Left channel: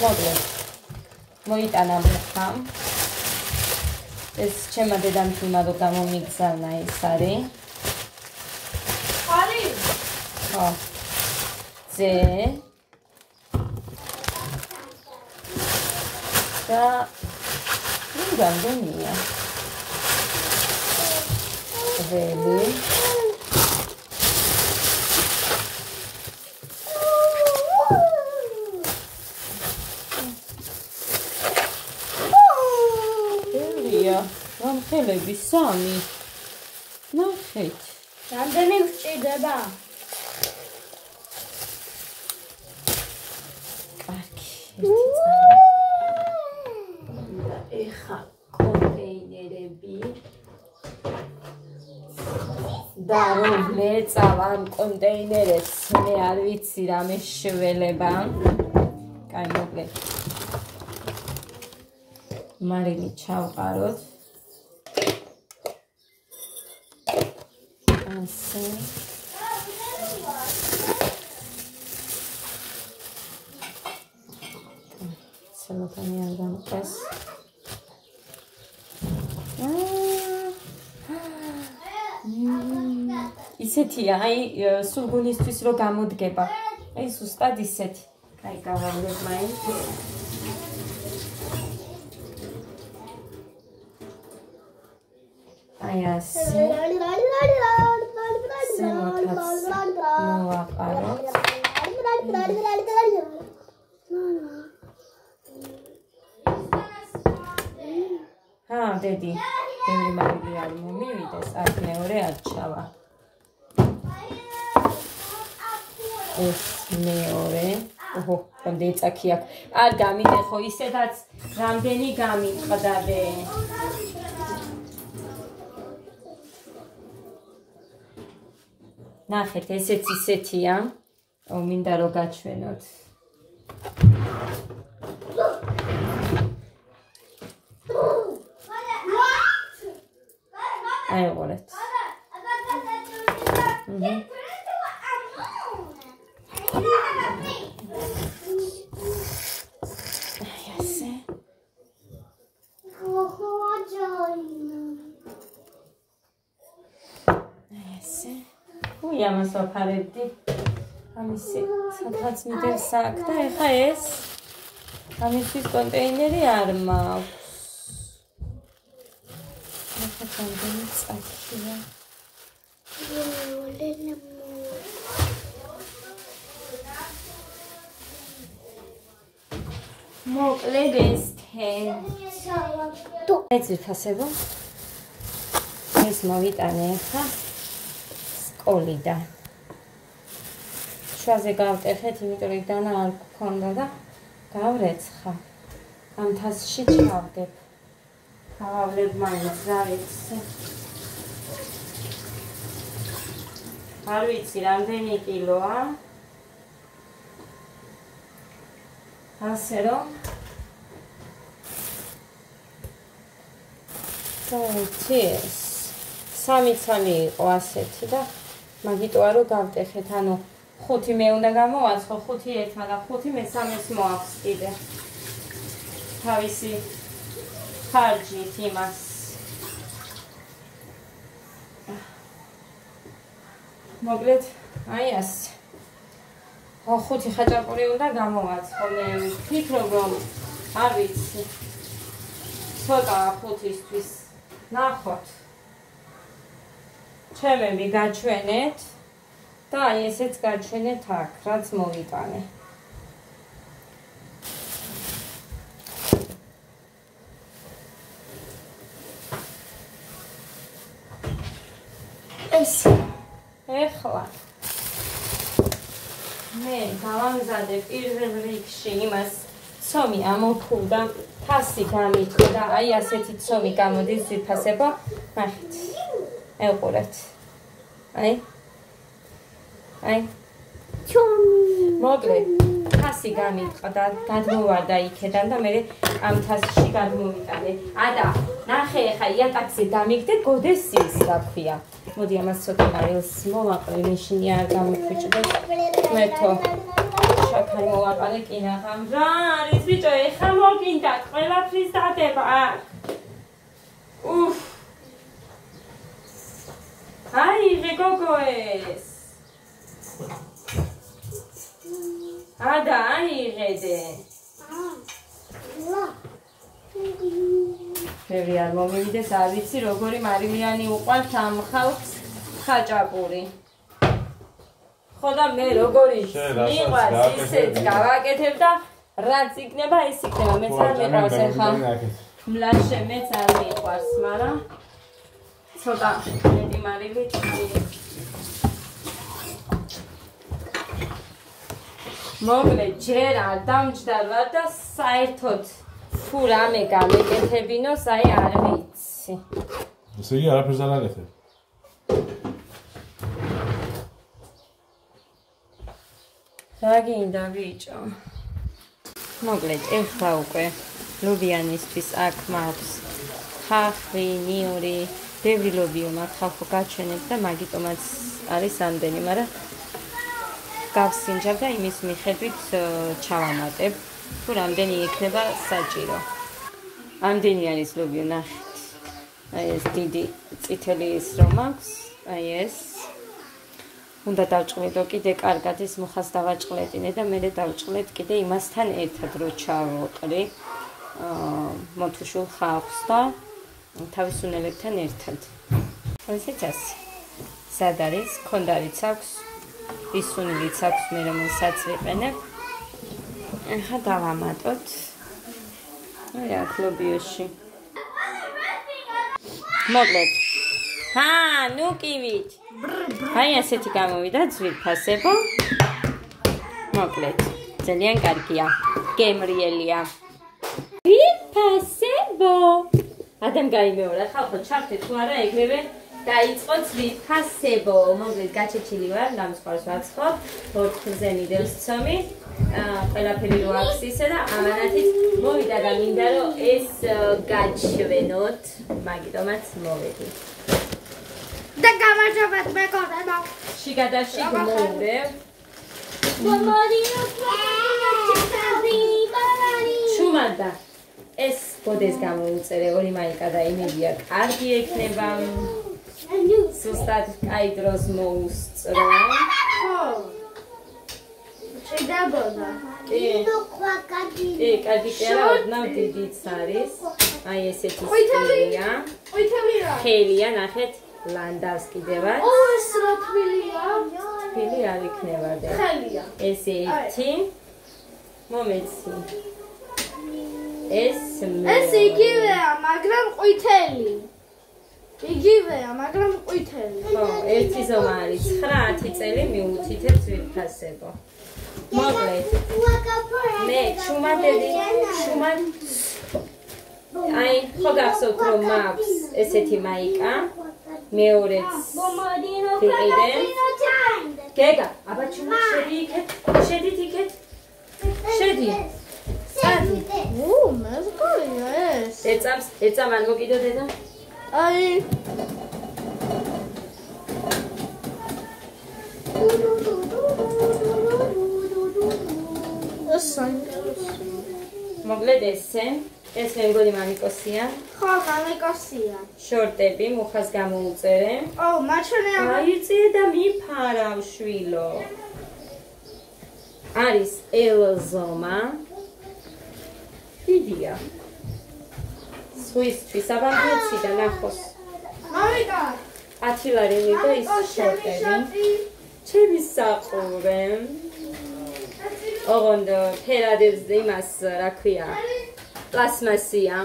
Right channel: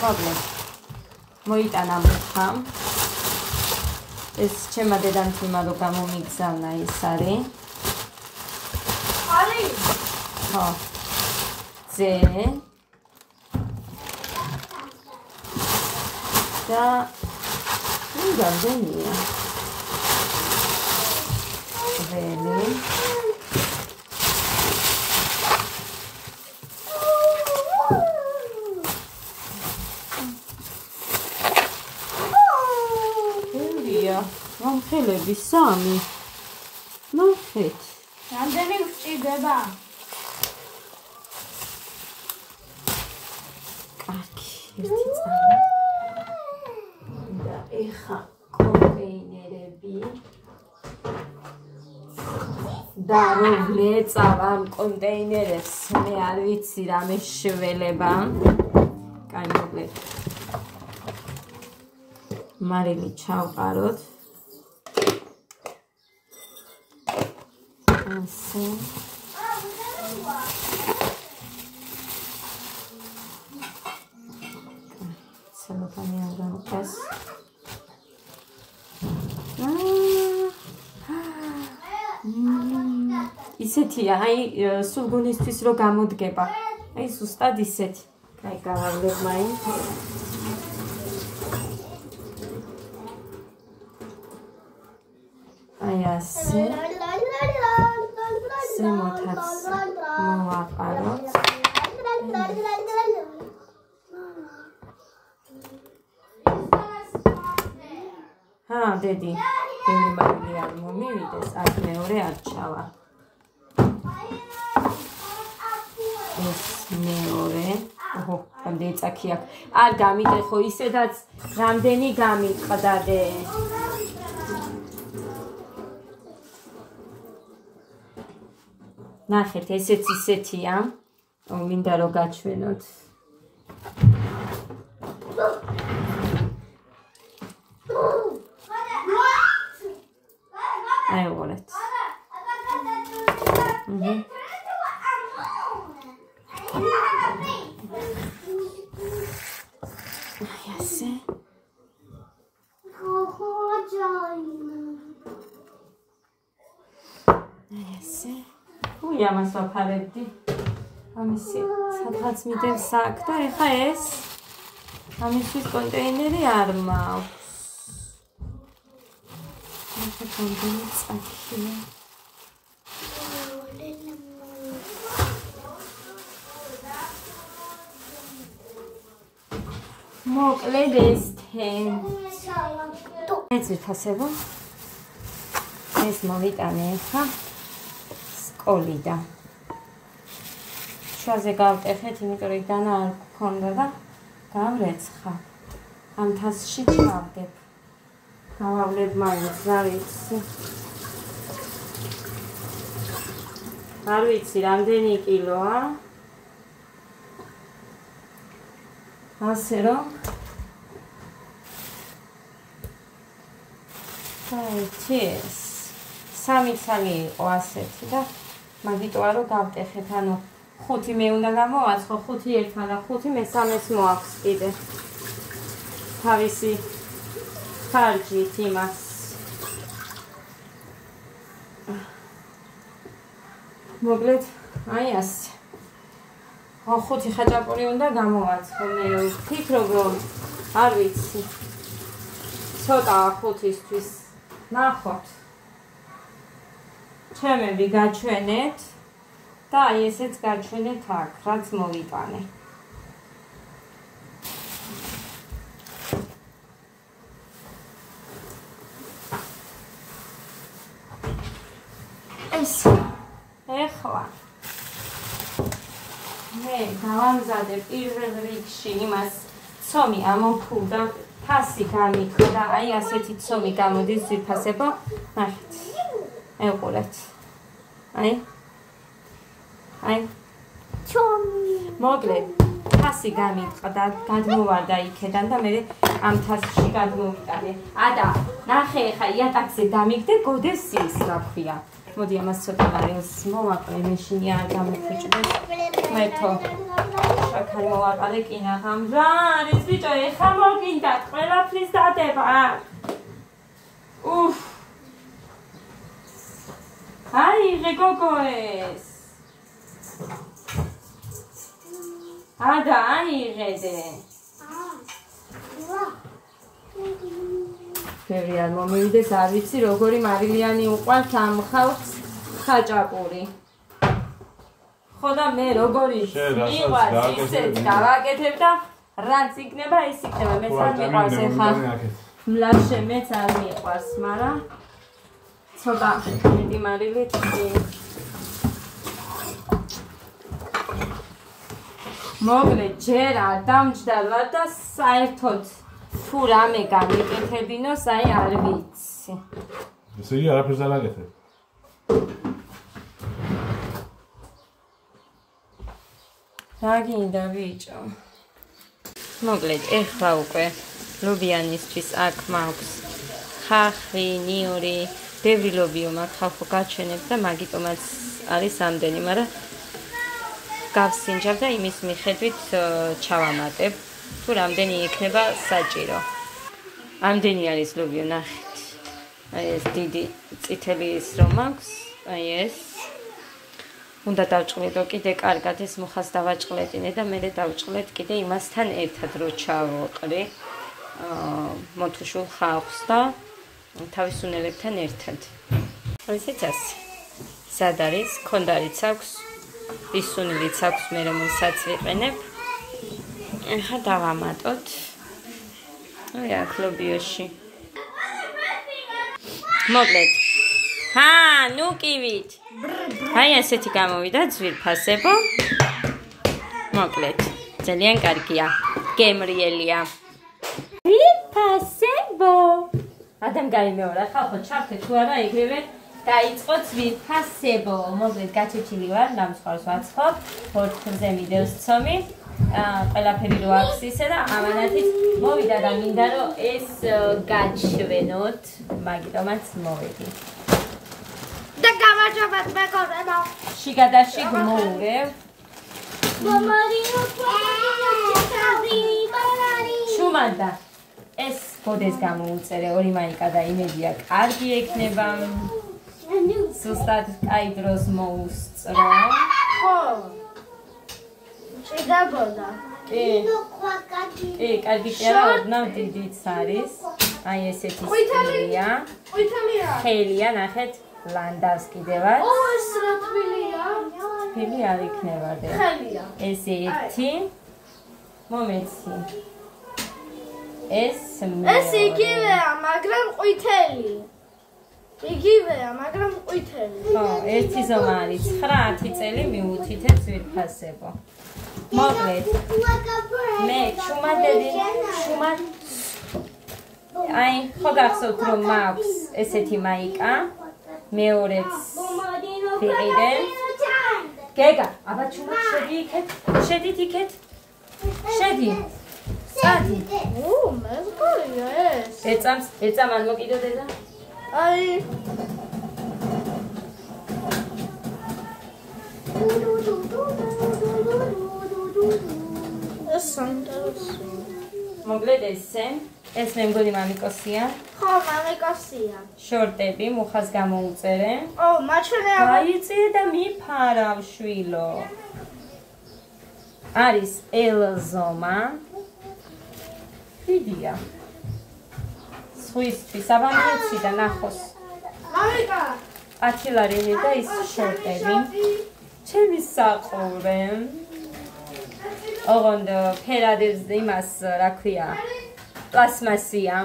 მოკლედ მოიტანა მუხა ეს ჩემმა დედამთილმა რო გამომიგზავნა ეს არის ხო ძე და რამდენია ველი ხელები სამი ნახეთ რამდენი გვჭირდება კარგი ერთი წამი და ეხა კონტეინერები და რომ მეწავ ამ კონტეინერებს მე არ ვიცი რამე შველება კაი მოკლედ მარილი ჩავყაროთ ასე ცელოფანი არ გამყეს ისეთია აი სულგუნისთვის რო გამოდგება აი ზუსტად ისეთი კაი გავავლებ მაინც აი ასე ზემოთაც მოვაყაროთ დედი ბევრი მარილი არ მომივიდეს აქ მეორე არ ჩავა ეს მეორე ოჰო რამდენი წაქი აქვს არ გამიტეხო ისედაც რამდენი გამიყვდადე ნახეთ ესეც ისეთია მინდა რომ გაჩვენოთ აიღორეთ ასე ასე უი ამას ვაფარებდი ამისი სადღაც მიდევს აქ და ეხა ეს ამისთვის კონტეინერი არ მაქვს რამდენი წაქია მოკლედ ეს ეს ვიფასებო ეს მოვიტანე ახლა სკოლიდან შუაზე გავტეხეთ იმიტომ რომ დანა არ გქონდა და გავრეცხა ამ თასში ჩავდებ გავავლებ მაინც რა ვიცი არ ვიცი რამდენი კილოა ასე რომ ეს სამი ცალი იყო ასეთი და მაგიტოა რომ გავტეხეთ ანუ 5 მე უნდა გამოვაცხო 5 ერთმა და 5 მესამეს მოაქვს კიდე თავისი ხარჯით იმას მოკლედ აი ასე 5 ხაჭაპური უნდა გამოვაცხო მე ვფიქრობ რომ არ ვიცი ცოტა 5-ისთვის ნახოთ ჩემები გაჩვენეთ და აი ესეც გაჩვენეთ აქ რაც მოვიტანე ეს ეხლა მე გავამზადე პირველ რიგში იმას ცომი ამოფულდა ფასი გამიქვა და აი ასეთი ცომი გამოდის ზიფასება ნახეთ ეყურეთ აი ცომი მოკლედ ფასი გამიქვა და გადმოვარდა იქიდან და მე ამ თასში გადმოვიტანე ადა ნახე ხა იატაკზე დამიგდე გოდეს ის რა ქვია მოდი ამას ცოტა მარილს მოვაყრე მეშინი არ გამოფიჭდეს მეთო შაქარი ახალი მოვაყარე კინაღამ. რა არის ბიჭო, ეხლა მოგინდათ ყველაფრის დადება. უფ. აიღე გოგო ეს. ადა აიღედე. ბევრი არ მომივიდეს, არ ვიცი როგორი მარილიანი უყვართ ამ ხალხს ხაჭაპური. ხო და მე როგორი მიყვარს ისეთ გავაკეთებ და რაც იქნება ის იქნება, მეც არ მიყვარს ეხლა. მლაშე მეც არ მიყვარს, მაგრამ ცოტა მეტი მარილით მოგლე ჯერ არ დამჯდალა და საერთოდ თუ რამე გამეკეთებინოს, აი არ ვიცი. ესე იგი არაფერს არ აკეთებ. რა გინდა ბიჭო? მოგლედ ეხლა უკვე ლობიანისთვის აქ მაქვს ხახვი, ნიური, ბევრი ლობიო მაქვს ხალხო გაჩვენებ და მაგიტომაც არის ამდენი, მაგრამ გავსინჯავ და იმის მიხედვით ჩავამატებ, თუ რამდენი იქნება საჭირო. ამდენი არის ლობიო, ნახეთ. აი ეს დიდი წითელი ის რომ აქვს, აი ეს. უნდა დავჭყლიდო კიდე კარგად ეს მუხას დავაჭყლეტინე და მე დავჭყლეთ კიდე იმასთან ერთად რო ჩავყრი მოთუშულ ხავხს და თავის უნელებთან ერთად. ესეც ასე. სად არის? ქონდარიც აქვს, ისუნილიც აქვს, მე რომელსაც ვიყენებ. ახლა დავამატოთ. აი აქ ლობიოში. მოკლედ. ჰა, ნუ კივით. აი ასეთი გამოვიდა ძვირფასებო. მოკლედ. ძალიან კარგია. გემრიელია. ძვირფასებო. ადამ გაიმეორა ხალხო ჩახტე თუ არა ეგრევე დაიწყო ძვირფასებო. მოკლედ გაჩეჩილი ვარ, დამსხვრავს ვაცხობ. თორთზე მიდევს ცომი. ყველაფერი რო აქვს ისე და ამანათით მოვიდა და მინდა რომ ეს გაჩვენოთ, მაგიტომაც მოვედი. და გამარჯობათ მეგობრებო. შიგადაში გმოურევ. ჩუმადა. ეს გოდეს გამოუწერე, ორი მაიკა და იმედია კარგი ექნება. ზუსტად კაი დროს მოუსწრო. ხო. შეგაბოდა. კი, კარგი კი არა, ოდნავ დიდიც არის. აი ესეთი სტილია. ყვითელია. ხელია, ნახეთ, ლანდავს კიდევაც. ეს რა თბილია? თბილი არ იქნება და. ხელია. ეს ერთი. მომეცი. ეს იგივეა, მაგრამ ყვითელი. იგივეა, მაგრამ ყვითელი. ხო, ერთი ზომა არის 9-10 წელი მიუთითებ ძვირფასებო. მოკლედ. მე ჩუმადები, აი, ხო გახსოვთ რომ მაქვს ესეთი მაიკა. მეორეც ვიყიდე. გეგა, აბა ჩუმა შედი იქეთ. შედით იქეთ. შედი. სადი. მეზგურია ეს. ეწამ ან მოკიდო დედა? აი. ეს საინტერესო. მოკლედ ესე, ეს მე მგონი მამიკოსია. ხო, მამიკოსია. შორტები, მუხას გამოუწერე. ო, მაჩვენე აბა. გაიწიე და მიფარავ შვილო. არის ელზომა. დიდია. სხვისთვის აბანქეცი და ნახოს. მამიკა. ათილარელი და ის შორტები. ჩემი საყურე. ოღონდ ფერადებს იმას რა ქვია პლასმასია.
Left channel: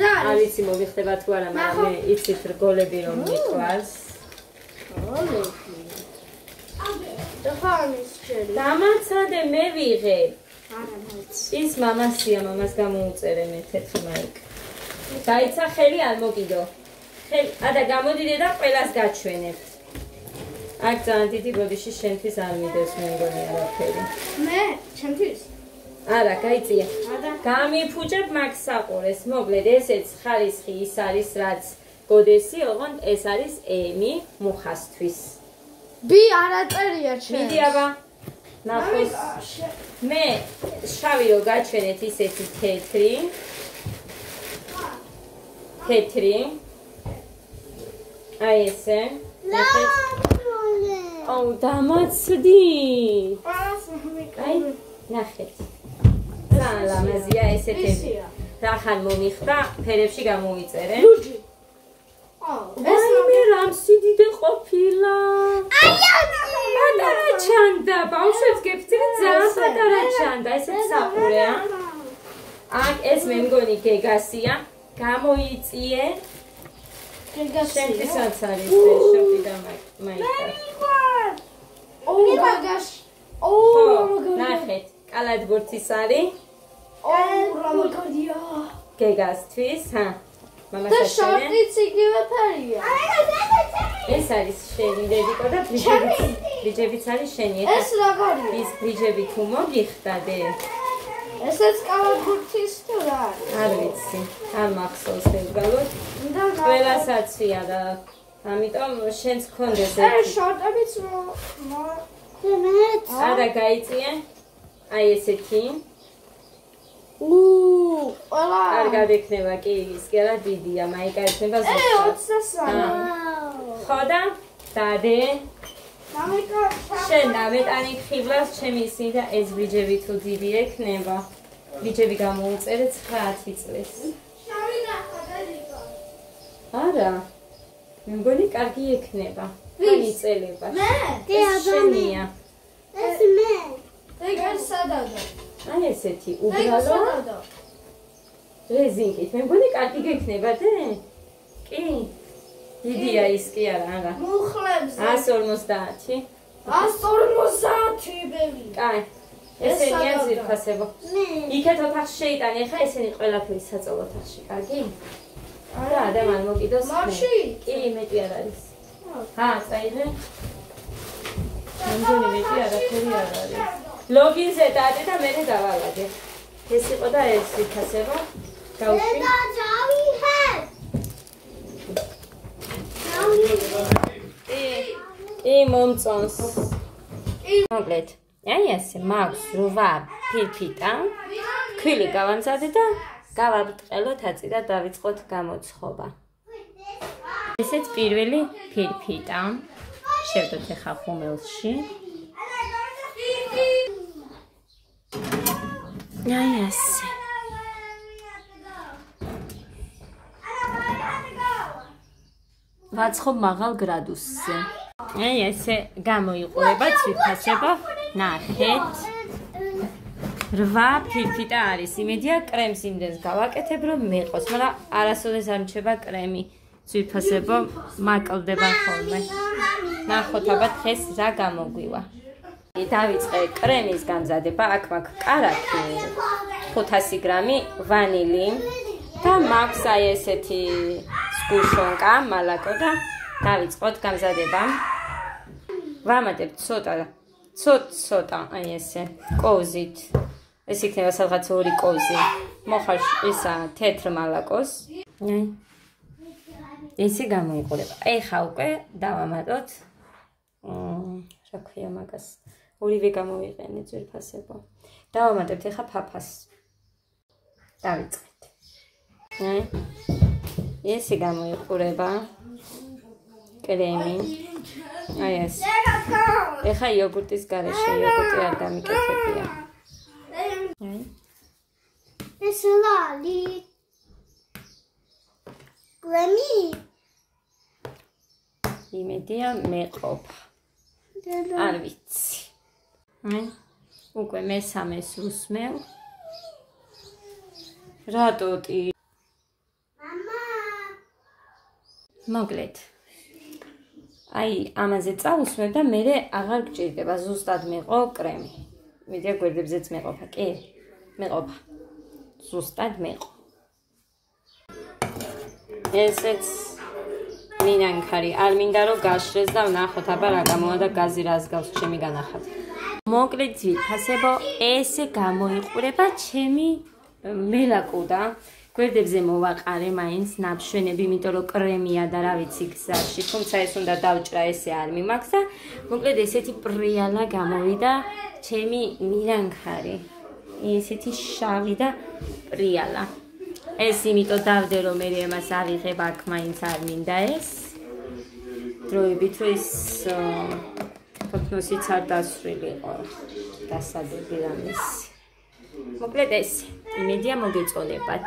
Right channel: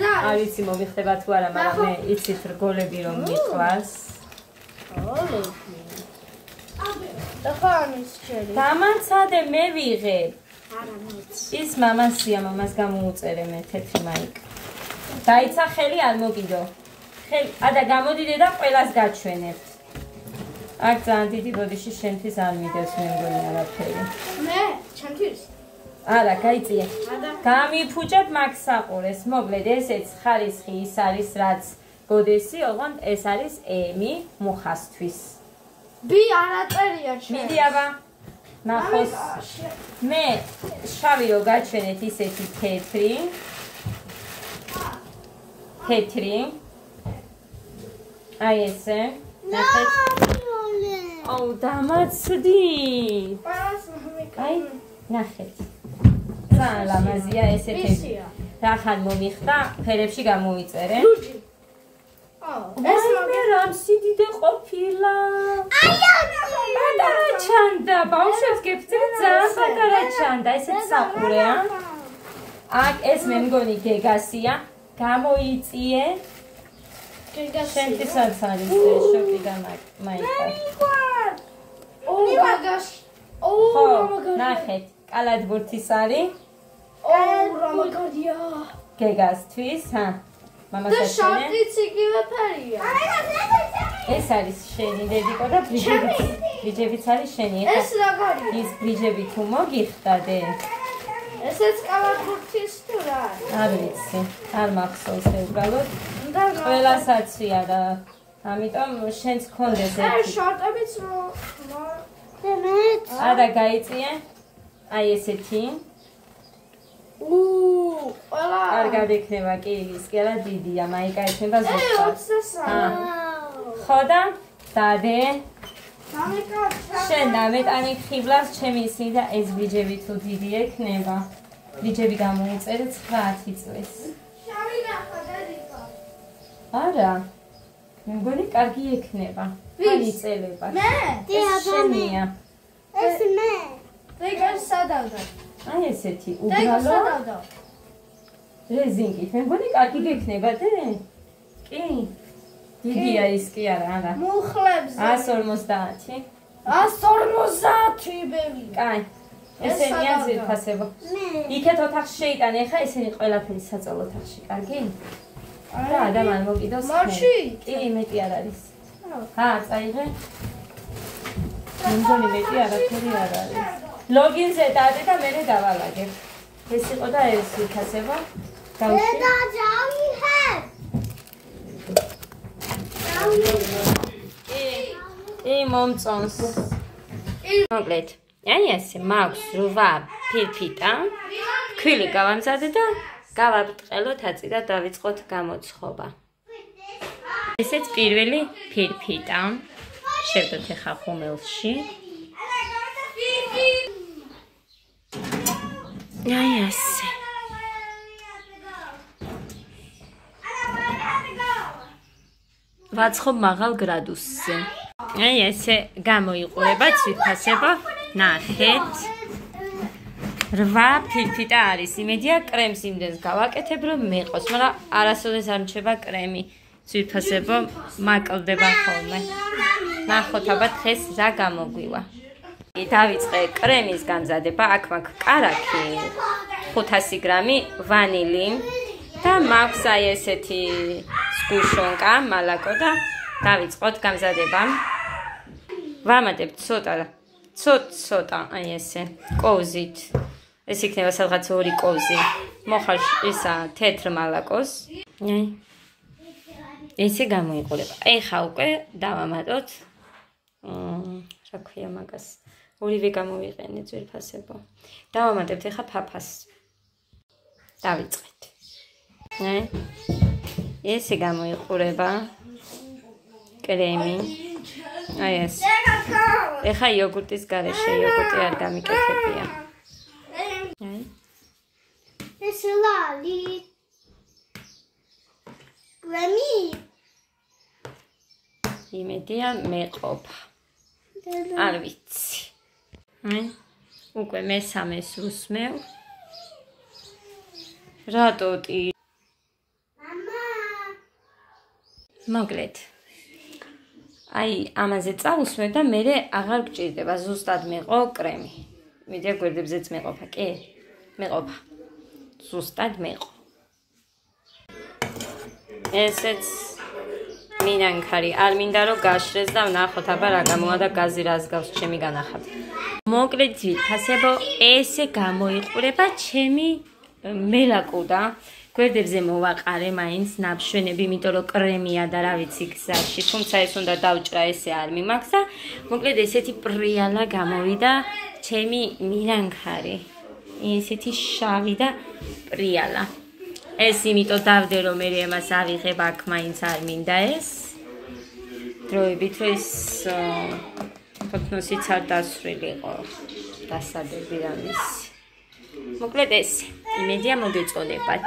არ ვიცი მომიხდება თუ არა, მაგრამ მე იცით რგოლები რომ მიყვარს. გოლები. და ხანის ჩერი. დამაცადე მე ვიღებ. არა მეც. ის მამასია, მამას გამოუწერე მე თეთრი მაიკა. დაიცა ხელი არ მოგიდო. ხელი, ადა გამოდიდე და ყველას გაჩვენებთ. აქ ძალიან დიდი ბოდიში შენთვის არ მიდევს მე მგონი არაფერი. მე, ჩემთვის. არა, გაიწია. გამიფუჭებ მაგ საყურეს. მოკლედ ესეც ხარისხი ის არის რაც გოდესი, ოღონდ ეს არის ემი მუხასთვის. ბი არა წერია ჩემს. მიდი აბა. ნახოს მე შავი რო გაჩვენეთ ისეთი თეთრი აი ესე ნახეთ აუ დამაცდი აი ნახეთ ძალიან ლამაზია ესეთი რახან მომიხდა ფერებში გამოიწერე ეს მე რამ სიდიდე ყოფილა პატარა ჩანდა ბავშვებს გეფთვით ძალიან პატარა ჩანდა ესეც საყურეა აქ ეს მე მგონი გეგასია გამოიწიე შენთვისაც არის შოპი და მაიკა ნახეთ კალათბურთის არის გეგასთვის მამასაც შორტიც იგივე ფერია ეს არის შენი დედიკო და ბრიჯებიც არის შენი ეს როგორია ის ბრიჯები თუ მოგიხდადე ესეც კალათბურთის თუ რა არ ვიცი არ მახსოვს უბრალოდ ყველასაცია და ამიტომ შენც გქონდეს ეს შორტებიც არა გაიწიე აი ესეთი ყველა კარგად ექნება კი ის კი არა დიდია მაიკა ექნება ზუსტად ხო და დადე მამიკა შენ დამეტანი ხიბლავს ჩემი ისინი და ეს ბრიჯები თუ დიდი ექნება ბრიჯები გამოუწერე 9 წლის არა მე მგონი კარგი ექნება თან იწელება ეს შენია ეს მე რეგას სადავდა აი ესეთი უბრალო რეზინკით მე მგონი კარგი გექნება და კი დიდია ის კი არა მუხლებზე 150 150 ბები კაი ესენია ძირფასებო იქეთ ოთახში შეიტანე ხა ესენი ყველაფერი საწოლო ოთახში კარგი და ადამიან მოკიდოს მარში კი მეტი არ არის წაიღე მე მგონი მეტი არაფერი არ არის ლოგინზე დადე და მე დავალაგე ეს იყო და ეს ძირფასებო დავუშვი მომწონს მოკლედ აი ესე მაქვს 8 ფირფიტა ქვილი გავამზადე და გავაბრტყელოთ აწი და დავიწყოთ გამოცხობა ესეც პირველი ფირფიტა შევდოთ ახლა ხუმელში აი ესე ვაცხობ მაღალ გრადუსზე აი ესე გამოიყურება ძვირფასება ნახეთ 8 ფირფიტა არის იმედია კრემს იმდენს გავაკეთებ რომ მეყოს მაგრამ არასოდეს არ მრჩება კრემი ძვირფასება მაკლდება ხოლმე ნახოთ აბა დღეს რა გამოგვივა დავიწყე კრემის გამზადება აქ მაქვს კარაქი 500 გრამი ვანილი და მაქვს აი ესეთი სკუშონკა მალაკო და დავიწყოთ გამზადება ვამატებ ცოტა აი ესე კოვზით ეს იქნება სადღაც 2 კოვზი მოხარ ისა თეთრ მალაკოს აი ესე გამოიყურება ეხა უკვე დავამატოთ რა ქვია მაგას ორივე გამოვიყენე ძვირფასებო დავამატებთ ეხა ფაფას დავიწყეთ აი ესე გამოიყურება კრემი აი ეს ეხა იოგურტის გარეშე იოგურტი არ გამიკეთებია აი ეს ლალი კრემი იმედია მეყოფა არ ვიცი აი უკვე მესამეს უსმევ რატოტი მოკლედ აი ამაზე წავუსმევ და მე აღარ გჭირდება ზუსტად მეყო კრემი მიდია გვერდებზეც მეყოფა კი მეყოფა ზუსტად მეყო ესეც მინანქარი არ მინდა რომ გაშრეს და ვნახოთ აბა რა გამოვა და გაზი რას გავს ჩემი განახატი მოკლედ ძვირფასებო ესე გამოიყურება ჩემი მელაკუდა გვერდებზე მოვაყარე მაინც ნაბშვენები, იმიტომ რომ კრემია და რა ვიცი გზაში, თუმცა ეს უნდა დავჭრა, ესე არ მიმაქვს და მოკლედ ესეთი პრიალა გამოვიდა ჩემი მირანქარი. ესეთი შავი და პრიალა. ეს იმიტომ დავდე რომ მე ამას ავიღებ, აქ მაინც არ მინდა ეს. დროებით რომ ის ფოტოსიც არ დასრულიყო დასადები რამის. მოკლედ ეს იმედია მოგეწონებათ.